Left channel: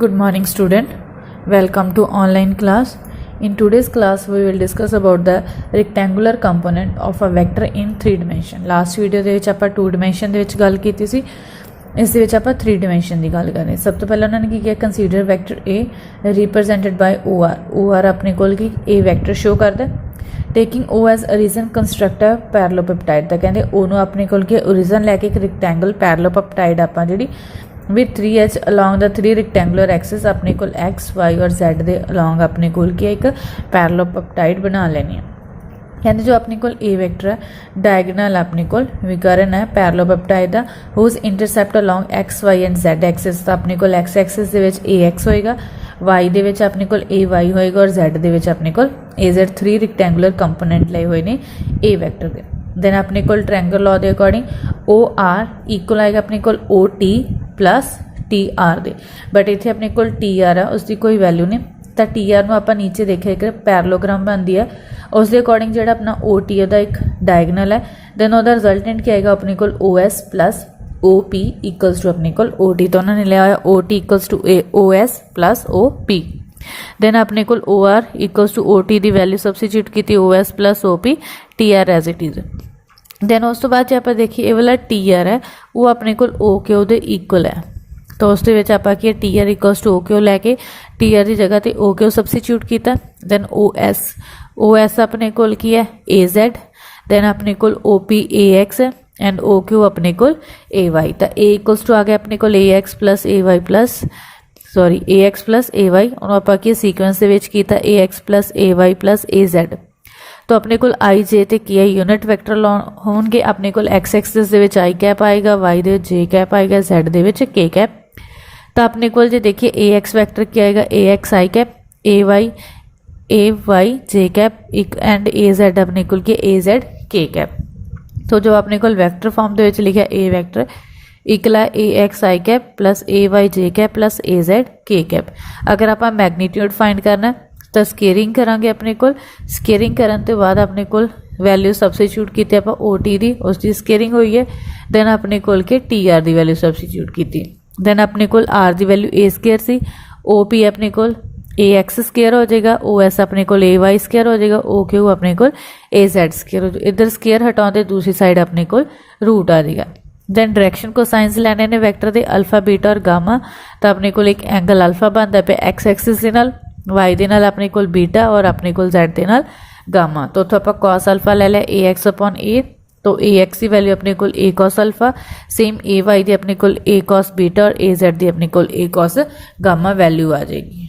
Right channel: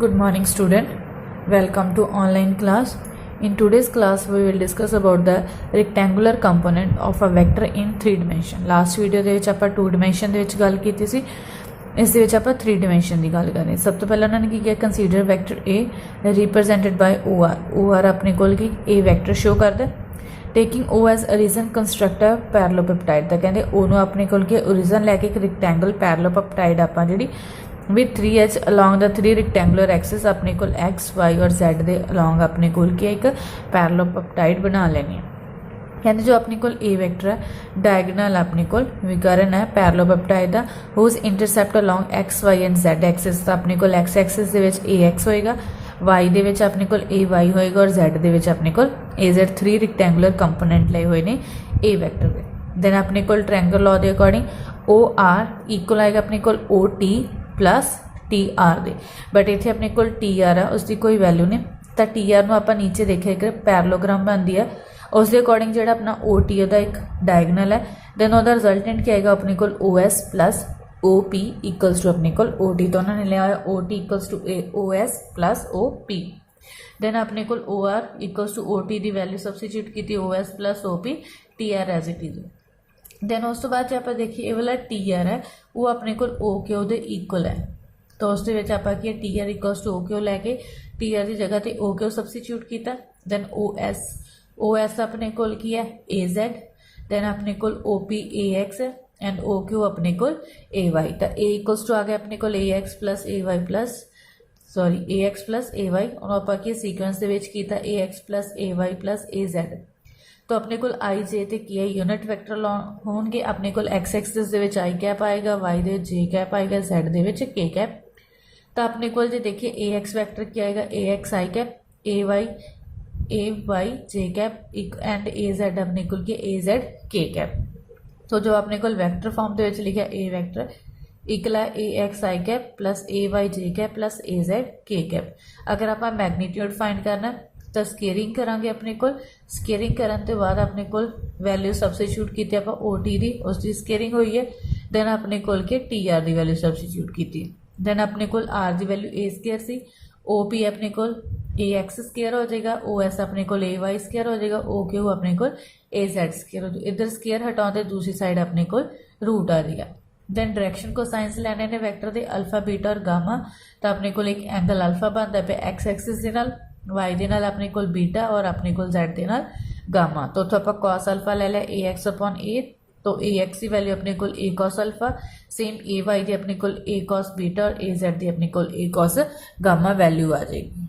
Good morning student, welcome to online class. In today's class we will discuss about the rectangular component of a vector in 3 dimension. Last video ਦੇ ਵਿੱਚ ਆਪਾਂ 2 dimension ਦੇ ਵਿੱਚ ਗੱਲ ਕੀਤੀ ਸੀ, ਇਸ ਦੇ ਵਿੱਚ ਆਪਾਂ 3 dimension ਦੀ ਗੱਲ ਕਰਨੀ। ਸਭ ਤੋਂ ਪਹਿਲਾਂ ਉਹਨਾਂ ਨੇ ਕੀ ਕਿਹਾ, consider vector A represented by OR ਆਪਣੇ ਕੋਲ ਕੀ A vector show ਕਰਦਾ, taking O as origin construct a parallelepiped। ਤਾਂ ਕਹਿੰਦੇ O ਨੂੰ ਆਪਣੇ ਕੋਲ ਕੀ origin ਲੈ ਕੇ ਇੱਕ rectangle parallelepiped ਆਪਾਂ ਜਿਹੜੀ with 3 edge along the 3 rectangular axes अपने को x, y और z दे along अपने को एक parallelepiped बना लेनी है। कहते जो अपने को a वेक्टर है डायगोनल अपने को विकर्ण है parallelepiped दा whose intercept along x, y and z axis। तो अपने को x axis दे विच ax होएगा, y दे विच अपने को ay होएगा और z दे विच अपने को az 3 rectangular component लए हुए ने a वेक्टर दे। देन अपने को triangle law they according OR equal आएगा अपने को OT plus TR they, but इत्थे अपने को TR है उसकी कोई वैल्यू नहीं, तो TR ਨੂੰ ਆਪਾਂ नीचे देखिए एक पैरेललोग्राम बनती है उस अकॉर्डिंग जो अपना OT है एक डायगोनल है। देन ਉਹਦਾ रिजल्टेंट क्या आएगा अपने को OS plus OP equals to अपने को OT। तो उन्होंने लिया हुआ OT equals to OS plus OP। Then अपने को OR इक्वल्स टू OT की वैल्यू सबस्टिट्यूट की OS plus OP TR as it is. देन उस तो बाद जो आप देखिए ये वाला TR है वो अपने को OQ दे इक्वल है, तो उस आप TR इक्वल्स टू OQ लैके TR की जगह तो OQ सबस्टिट्यूट किया। देन OS अपने को की है AZ, देन अपने को OP AX है एंड OQ अपने को AY। तो A इक्वल्स टू आ गया अपने को AX plus AY plus sorry AX plus AY और आप सीक्वेंस किया AX plus AY plus AZ। तो अपने को आई जे तो की यूनिट वैक्टर होंगे, अपने को एक्स एक्सिस के आई कैप आएगा, वाई दे जे कैप आएगा, जैड दे के कैप। तो अपने को जो देखिए ए एक्स वैक्टर क्या आएगा a x I cap, A Y J cap and a Z अपने को ए जैड के कैप। तो जो अपने को वैक्टर फॉर्म के लिखा ए vector Ikla A x I cap plus a Y J cap plus A Z के कैप। अगर आप मैगनीट्यूड फाइंड करना तो स्केयरिंग करांगे, अपने को स्केयरिंग करन तो बाद अपने को वैल्यू सबस्टिट्यूट की आप OT दी उसकी स्केयरिंग हुई है। देन अपने को TR की वैल्यू सबस्टिट्यूट की। देन अपने को R की value A square C, OP अपने को AX स्केयर हो जाएगा, OS अपने को AY स्केयर हो जाएगा, OQ अपने को AZ स्केयर हो जाएगा। इधर स्केयर हटाते दूसरी साइड अपने को रूट आ जाएगा। देन डायरेक्शन को साइंस लैने ने वैक्टर के अल्फा बीटा और गामा। तो अपने को एक एंगल अल्फा बनता पे एक्स एक्सिस के नाल, वाई दे नाल अपने को बीटा और अपने को जेड दे नाल गामा। तो उतो आप कॉस अल्फा ले लिया ए एक्स अपॉन ए, तो ए एक्स की वैल्यू अपने को ए कॉस अल्फा, सेम ए वाई दी अपने को ए कॉस बीटा और ए जेड दी अपने को ए कॉस गामा वैल्यू आ जाएगी।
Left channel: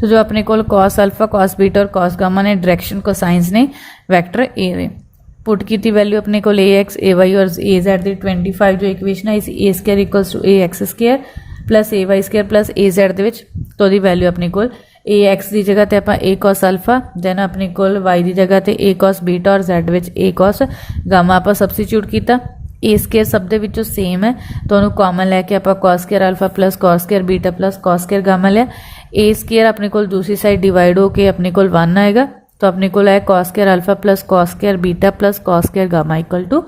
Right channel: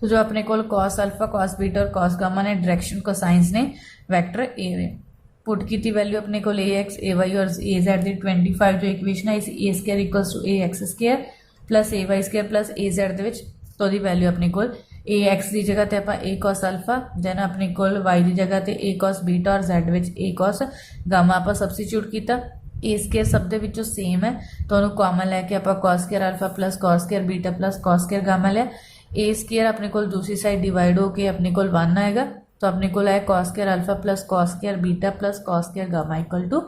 तो जो अपने को कॉस अल्फा, कॉस बीटा और कॉस गामा ने डायरेक्शन को साइंस ने वैक्टर ए में पुट की वैल्यू अपने को ए एक्स ए वाई और ए जेड दी 25 जो इक्वेशन है a square equals to a x square plus a y square plus a z तो दी वैल्यू अपने को ए एक्स की जगह तो आप ए कॉस अल्फा, देन अपने को वाई की जगह तो ए कॉस बीटा और जेड विच ए कॉस गामा आप सबस्टिट्यूट किया। ए स्केयर सब दे विचों सेम है तो उन्होंने कॉमन लैके आप cos square alpha plus cos square beta plus cos square gamma लिया। ए स्केयर अपने को दूसरी साइड डिवाइड होकर अपने को 1 आएगा, तो अपने को है cos square alpha plus cos square beta plus cos square gamma equal to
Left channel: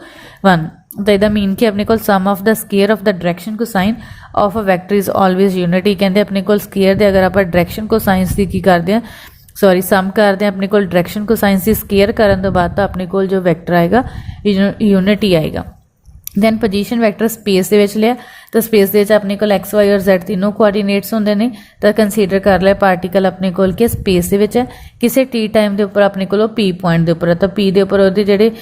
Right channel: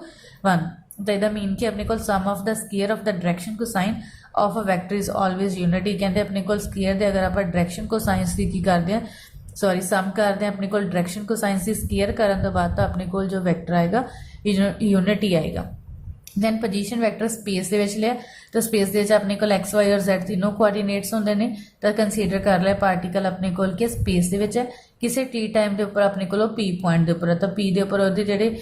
1। तो यदा मीन कि अपने को sum of the square of the direction cosine of a vector is always unity. कहते अपने को स्केयर दे अगर आप डायरेक्शन को साइंस की करते हैं सॉरी सम करते हैं अपने को डायरेक्शन को साइंस की स्केयर करने तो बाद तो अपने को जो वैक्टर आएगा यूनिटी आएगा। दैन पोजीशन वैक्टर स्पेस के लिया, तो स्पेस के अपने को एक्स वाई और जेड तीनों कोआर्डीनेट्स होंगे ने, तो कंसीडर कर लिया पार्टिकल अपने को स्पेस के है किसी टी टाइम के उपर अपने को पी पॉइंट के उपर, तो पी के उपर वो जोड़े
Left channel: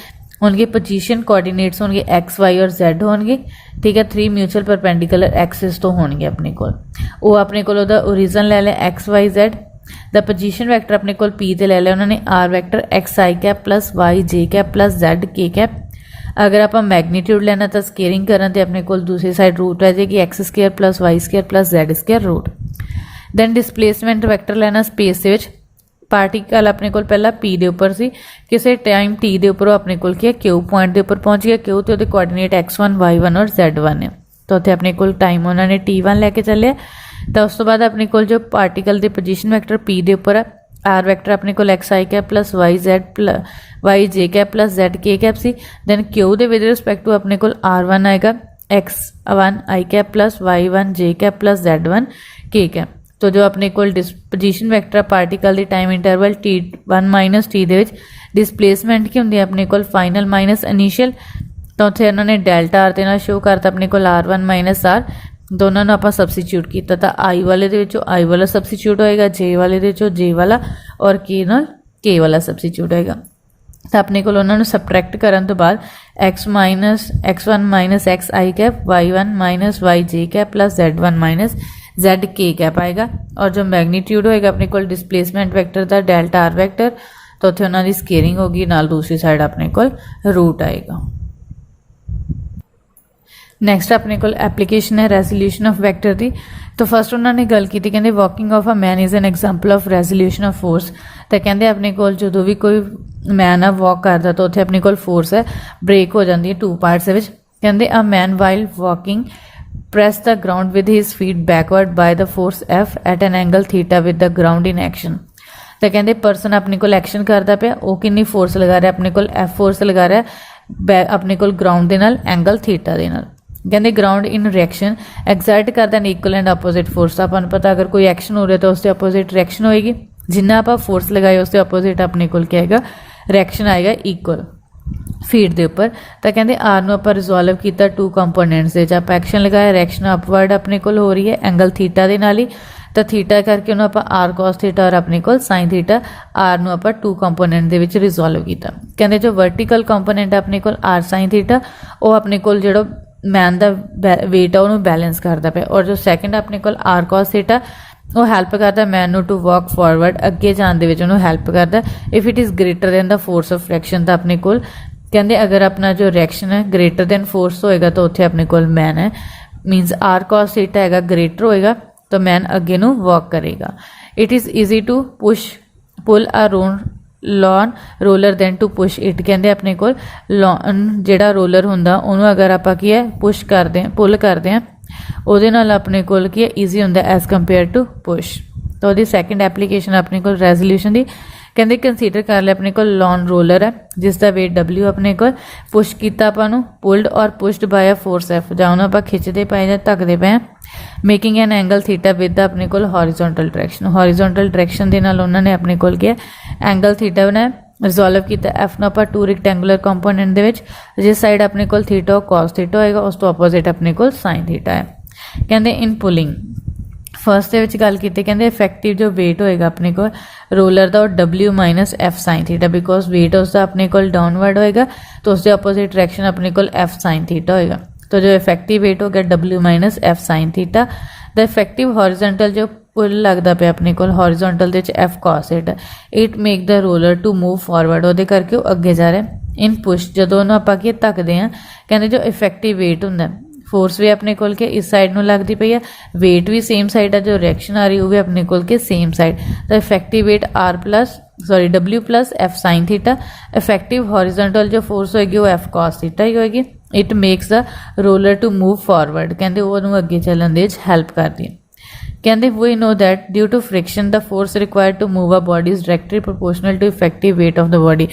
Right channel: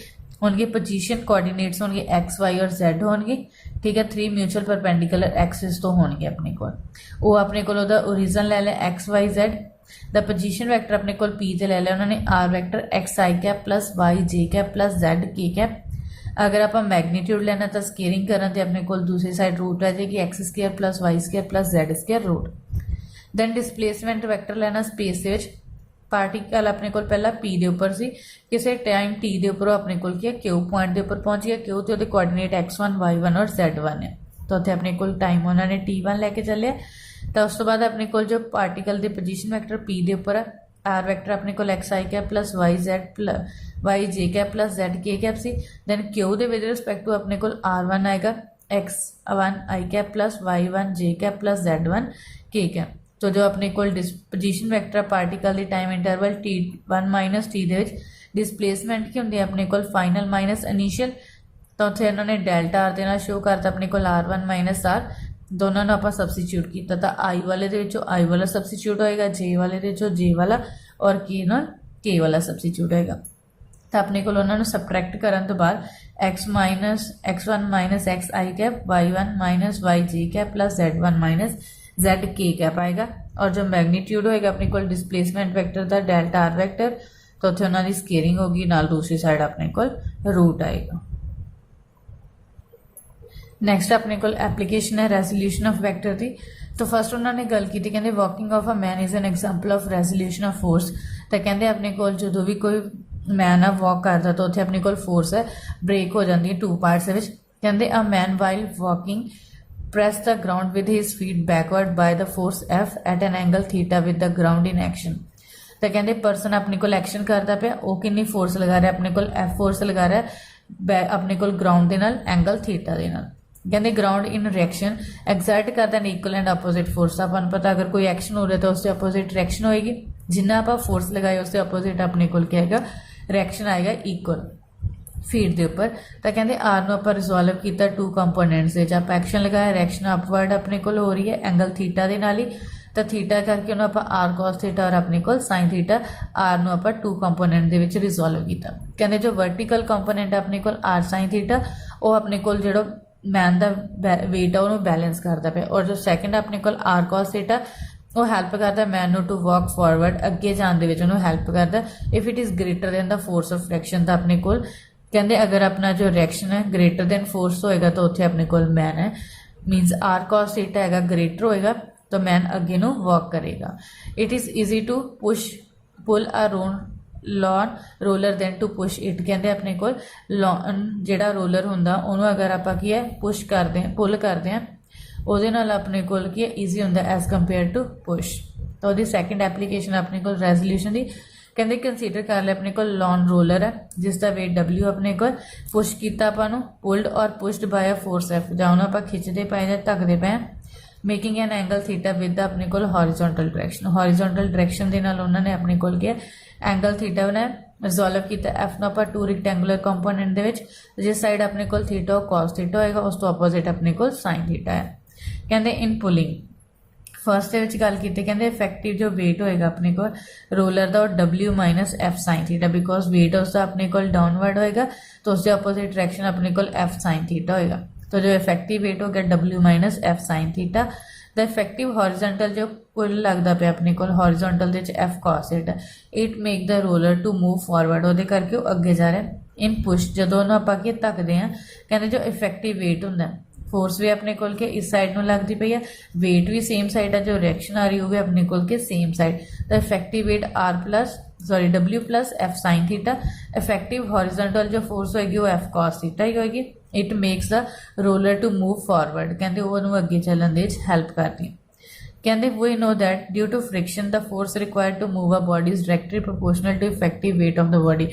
होंगे पोजीशन कोआर्डीनेट्स होंगे एक्स वाई और जेड होंगे, ठीक है। 3 म्यूचुअल परपेंडिकुलर एक्सिस तो होंगे अपने को वो अपने को ओरिजिन ले लिया x y z. The position vector अपने को पी ते ले लिया उन्होंने आर वैक्टर एक्स आई कैप प्लस वाई जे cap plus z k cap. अगर आप मैगनीट्यूड लेना तो स्केयरिंग करना तो अपने को दूसरी साइड रूट रह जाएगी x square plus y square plus z square root. Then displacement vector लेना स्पेस के पार्टिकल अपने को पहला पी के उपर सी किसी टाइम टी के उपर अपने को क्यू पॉइंट के उपर पहुंच गया, क्यू तो कोआर्डीनेट x1 y1 और z1 है, तो उत्थे अपने को टाइम उन्होंने t1 लैके चलिया। तो उस तो बाद अपने को जो पार्टिकल के पोजीशन वैक्टर पी के उपर है, आर वैक्टर अपने को एक्स आई cap plus y z plus y जे cap plus z k cap सी। दैन क्यू के विद रिस्पैक्ट टू अपने को R1 आएगा, x1 i cap plus y1 j cap plus z1 k cap. तो जो अपने कोल पोजीशन वैक्टर पार्टिकल दी time interval t1 minus t दे विच डिसप्लेसमेंट की होंदी है अपने कोल फाइनल माइनस इनिशियल। तो उत्थे उन्होंने डेल्टा आर दे नाल शो करता अपने कोल r1 माइनस r, दोनों आप सबस्टिट्यूट किया तो आई वाले आई वाला सबस्टिट्यूट होएगा, जे वाले जे वाला और के नाल के वाला सबस्टिट्यूट होएगा। तो अपने को उन्होंने सबट्रैक्ट करने तो बाद x1 minus x i cap y1 minus y j cap plus z1 minus z k cap आएगा। और जो मैग्नीट्यूड होएगा अपने को डिसप्लेसमेंट वैक्टर का डेल्टा आर वैक्टर, तो उत्थे उन्होंने स्केयरिंग होगी नाल दूसरी साइड अपने को रूट आएगा। नैक्सट अपने को एप्लीकेशन है रेजोल्यूशन ऑफ वैक्टर की। तो फस्ट उन्होंने गल की कहते walking of a man is an example of resolution of force. तो कहते अपने को जो भी कोई मैन है वॉक करता तो उत्थे अपने को फोर्स है ब्रेक हो जाती है 2 पार्ट्स विच। कहते a man while walking press the ground with his feet backward by the force F at an angle theta with the ground in action. तो कहते परसन अपने को एक्शन करता पाया वो कितनी फोर्स लगा रहा है अपने को एफ फोर्स लगा रहा है अपने को ग्राउंड के नाल एंगल थीटा के नाल। कहते ग्राउंड इन रिएक्शन एग्जर्ट करता an equal and opposite force. अपन पता अगर कोई एक्शन हो रहा है तो उसके अपोजिट रिएक्शन होएगी, जिन्ना आप फोर्स लगाए उसके अपोजिट अपने को क्या आएगा रिएक्शन आएगा इक्वल फीट के उपर। तो कहते आर नूं आपां रिजोल्व किया 2 कंपोनेंट्स दे आप एक्शन लगाया रिएक्शन अपवर्ड अपने को हो रही है एंगल थीटा के नाल ही। तो थीटा करके उन्होंने आप आर कॉस थीटा और अपने को साइन थीटा आर नूं आपां 2 कंपोनेंट दे विच रिजोल्व किया। कहते जो वर्टिकल कंपोनेंट अपने को आर साइन थीटा वो अपने को जो मैन का वेट है उन्होंने बैलेंस करता पे, और जो सैकेंड अपने को आर कॉस थीटा वो हैल्प करता मैन नू टू वॉक फॉरवर्ड अगे जाने उन्होंने हैल्प करता if it is greater than the force of reaction. तो अपने को कहते अगर अपना जो रिएक्शन है ग्रेटर दैन फोर्स होएगा तो उत्थे अपने को मैन है मीनस आर कॉस थीटा है ग्रेटर होएगा तो मैन अगे नू वॉक करेगा। It is easy to push pull a lawn roller than to push it. कहते अपने को लॉन जोड़ा रोलर होंदा उन्होंने अगर आप की है पुश करते हैं पुल करते हैं ਉਹਦੇ ਨਾਲ ਆਪਣੇ ਕੋਲ ਕੀ ਹੈ ਈਜ਼ੀ ਹੁੰਦਾ ਐਜ਼ ਕੰਪੇਅਰ ਟੂ ਪੁਸ਼। तो ਉਹਦੀ ਸੈਕੰਡ ਐਪਲੀਕੇਸ਼ਨ ਆਪਣੇ ਕੋਲ ਰੈਜ਼ੋਲੂਸ਼ਨ ਦੀ ਕਹਿੰਦੇ ਕੰਸੀਡਰ ਕਰ ਲਿਆ ਆਪਣੇ ਕੋਲ ਲੌਨ ਰੋਲਰ ਹੈ ਜਿਸ ਦਾ weight W ਆਪਣੇ ਕੋਲ ਪੁਸ਼ ਕੀਤਾ ਆਪਾਂ ਨੂੰ ਪੁਲਡ ਔਰ ਪੁਸ਼ਡ ਬਾय ਅ ਫੋਰਸ F ਜਾਂ ਉਹਨੂੰ ਆਪਾਂ ਖਿੱਚਦੇ ਪਏ ਜਾਂ ਧੱਕਦੇ ਪਏ making N angle theta with ਆਪਣੇ ਕੋਲ ਹੌਰੀਜ਼ੌਂਟਲ ਡਾਇਰੈਕਸ਼ਨ ਦੇ ਨਾਲ ਉਹਨਾਂ ਨੇ ਆਪਣੇ ਕੋਲ ਕੀ ਹੈ ਐਂਗਲ ਥੀਟਾ ਬਣਾਇਆ रिजोल्व किया एफ ਨੂੰ ਆਪਾਂ 2 ਰੈਕਟੈਂਗੂਲਰ ਕੰਪੋਨੈਂਟ ਦੇ ਵਿੱਚ ਜਿਸ ਸਾਈਡ ਆਪਣੇ ਕੋਲ ਥੀਟਾ cos ਥੀਟਾ ਹੋਏਗਾ ਉਸ ਤੋਂ ਆਪੋਜ਼ਿਟ ਆਪਣੇ ਕੋਲ sin ਥੀਟਾ ਹੈ। ਕਹਿੰਦੇ ਇਨ ਪੁਲਿੰਗ फस्ट ਦੇ ਵਿੱਚ ਗੱਲ ਕੀਤੀ ਕਹਿੰਦੇ ਇਫੈਕਟਿਵ ਜੋ weight ਹੋਏਗਾ ਆਪਣੇ ਕੋਲ ਰੋਲਰ ਦਾ ਉਹ W minus F sin theta because weight ਉਸ ਦਾ ਆਪਣੇ ਕੋਲ डाउनवर्ड होएगा तो उसके अपोजिट डायरेक्शन अपने को F sin थीटा होएगा। तो जो इफेक्टिव वेट हो गया W minus F sin theta. The effective horizontal जो पुल लगता पे अपने को हॉरिजॉन्टल दे F cos theta it make the roller to move forward वो करके वो अगे जा रहा है। इन पुश जो दोनों आप धकते हैं कहते जो इफेक्टिव वेट होंगे फोर्स भी अपने को के इस साइड में लगती पई है वेट भी सेम साइड है जो रिएक्शन आ रही वो भी अपने को के सेम साइड। तो effective weight W plus F sin theta effective horizontal जो फोर्स होएगी वो F cos थीटा ही होएगी। It makes the roller to move forward कहते वो अगे चलने दे हेल्प करती है। कहते we know that due to friction the force required to move a body is directly proportional to effective weight of the body.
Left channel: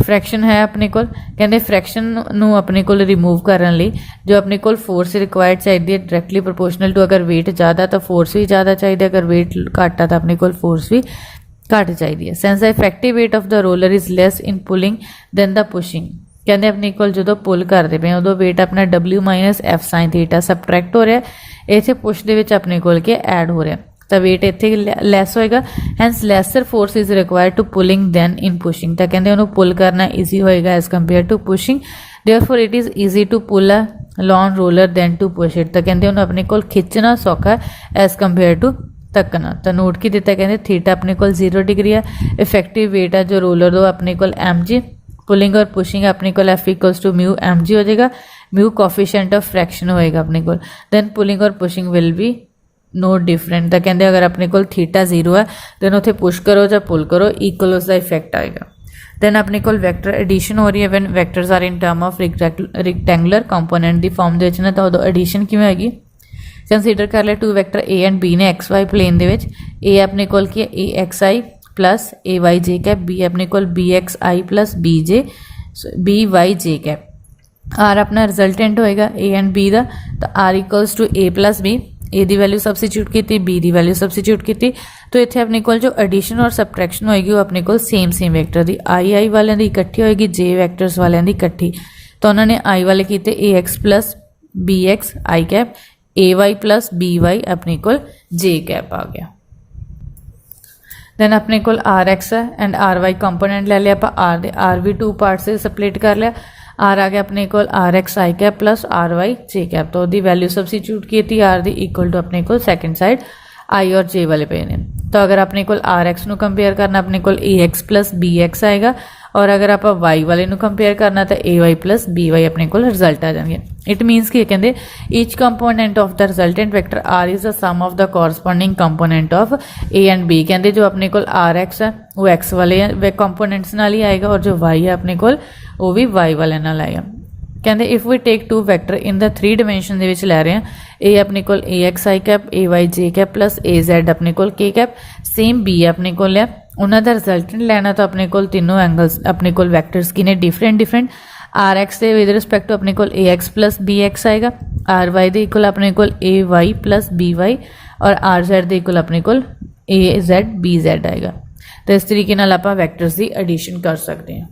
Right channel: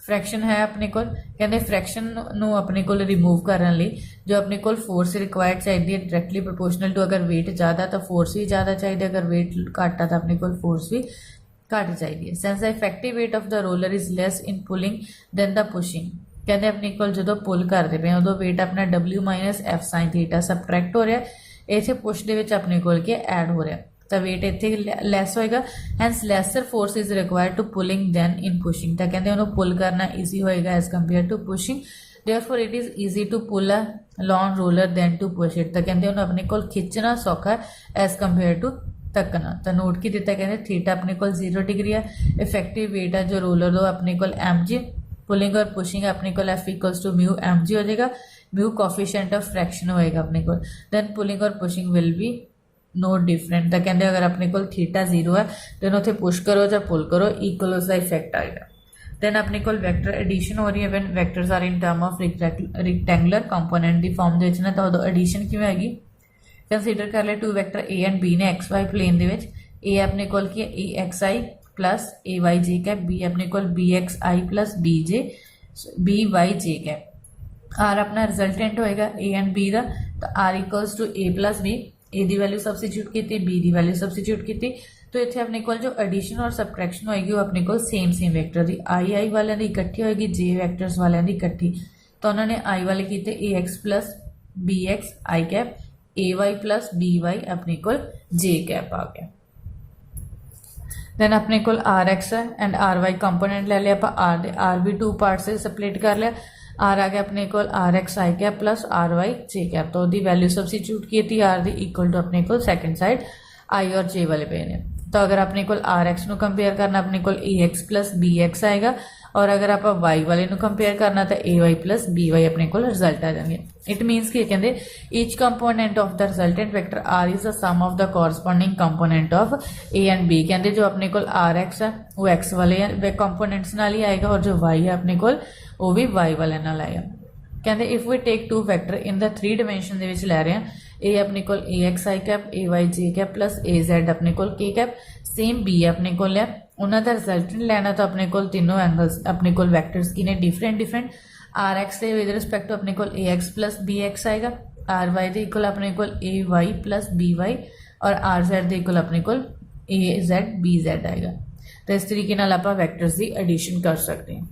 Fraction है अपने को कहते फ्रैक्शन नू अपने को रिमूव करने लिए जो अपने को फोर्स रिक्वायर्ड चाहिए डायरेक्टली प्रोपोर्शनल टू अगर वेट ज़्यादा तो फोर्स भी ज़्यादा चाहिए अगर वेट घट है तो अपने को फोर्स भी घट चाहिए। Since the effective weight of the roller is less in pulling than the pushing. कहते अपने को जो पुल करते पे उदो वेट अपना W minus F sin theta subtract हो रहा है इतने पुश के अपने को ऐड हो रहा है तो वेट इतने लैस होएगा hence lesser force is required to pulling than in pushing. तो कहते उन्होंने पुल करना ईजी होएगा as compare to pushing therefore it is easy to pull a lawn roller than to push it. तो कहते उन्होंने अपने को खिंचना सौखा एज कंपेयर टू धक्कना। तो नोट की दिता कहते थीटा अपने को 0 डिग्री है इफेक्टिव वेट है जो रोलर दो अपने को mg पुलिंग और पुशिंग अपने को F equals to mu mg हो जाएगा म्यू कोफिशिएंट ऑफ फ्रैक्शन होएगा अपने को दैन पुलिंग और pushing will be no different. तो कहते अगर अपने को थीटा 0 है दैन उत्थे पुश करो या पुल करो इक्वल उसका इफेक्ट आएगा। दैन अपने को वैक्टर एडिशन हो रही है when vectors are in term of rectangular component की फॉर्म के ना तो एडिशन किवें होगी कंसीडर कर लिया 2 वैक्टर A एंड B ने XY प्लेन दे विच A अपने को की है AXI plus AYJ cap B अपने को BXI plus BYJ cap. R अपना रिजल्टेंट होएगा ए एंड बी का, तो R equals to A plus B, A की वैल्यू सबस्टिट्यूट की, बी की वैल्यू सबस्टिट्यूट की, तो इत्थे अपने को जो एडिशन और सबट्रैक्शन होएगी वो अपने को सेम वैक्टर की आई वाले की इकट्ठी होएगी, जे वैक्टर्स वाले की इकट्ठी, तो उन्होंने आई वाले किए ए एक्स प्लस बी एक्स आई कैप, ए वाई प्लस बी वाई अपने को जे कैप आ गया। दैन अपने को आर एक्स है एंड आर वाई कंपोनेंट ले लिया, आप आर भी टू पार्ट से स्प्लिट कर लिया, आर आ गया अपने को आर एक्स आई कैप प्लस आर वाई जे कैप, तो दी वैल्यू सबस्टिट्यूट की थी आर दी इक्वल टू अपने को सैकेंड साइड आई और जे वाले पे ने, तो अगर अपने को आर एक्स नू कंपेयर करना अपने को A x plus B x आएगा, और अगर आप वाई वाले नू कंपेयर करना तो A Y plus B Y अपने को रिजल्ट आ जाएंगे। इट मीनस कि कहते each component of the resultant vector are is the sum of the corresponding component of A and B, कहते जो अपने को आर एक्स है वो एक्स वाले कंपोनेंट्स नाल ही आएगा, और जो वाई है अपने को वो भी वाई वाले नाल आएगा। कहते if we take two vector in the 3 dimension ਦੇ ਵਿੱਚ ਲੈ ਰਹੇ ਹਾਂ, ए अपने को A x I cap, A Y J cap plus A Z अपने को के कैप, सेम बी अपने को लिया, उन्होंने रिजल्टेंट लेना तो अपने को तीनों एंगल्स अपने को वैक्टर्स की ने डिफरेंट आर एक्स के विद रिस्पेक्ट टू अपने को A x plus B x आएगा, आर वाई के इक्वल अपने को ए वाई प्लस बी वाई, और आर जैड के इक्वल अपने को ए जैड बी जैड आएगा। तो इस तरीके नाल आपां वैक्टर्स की एडिशन कर सकते हैं।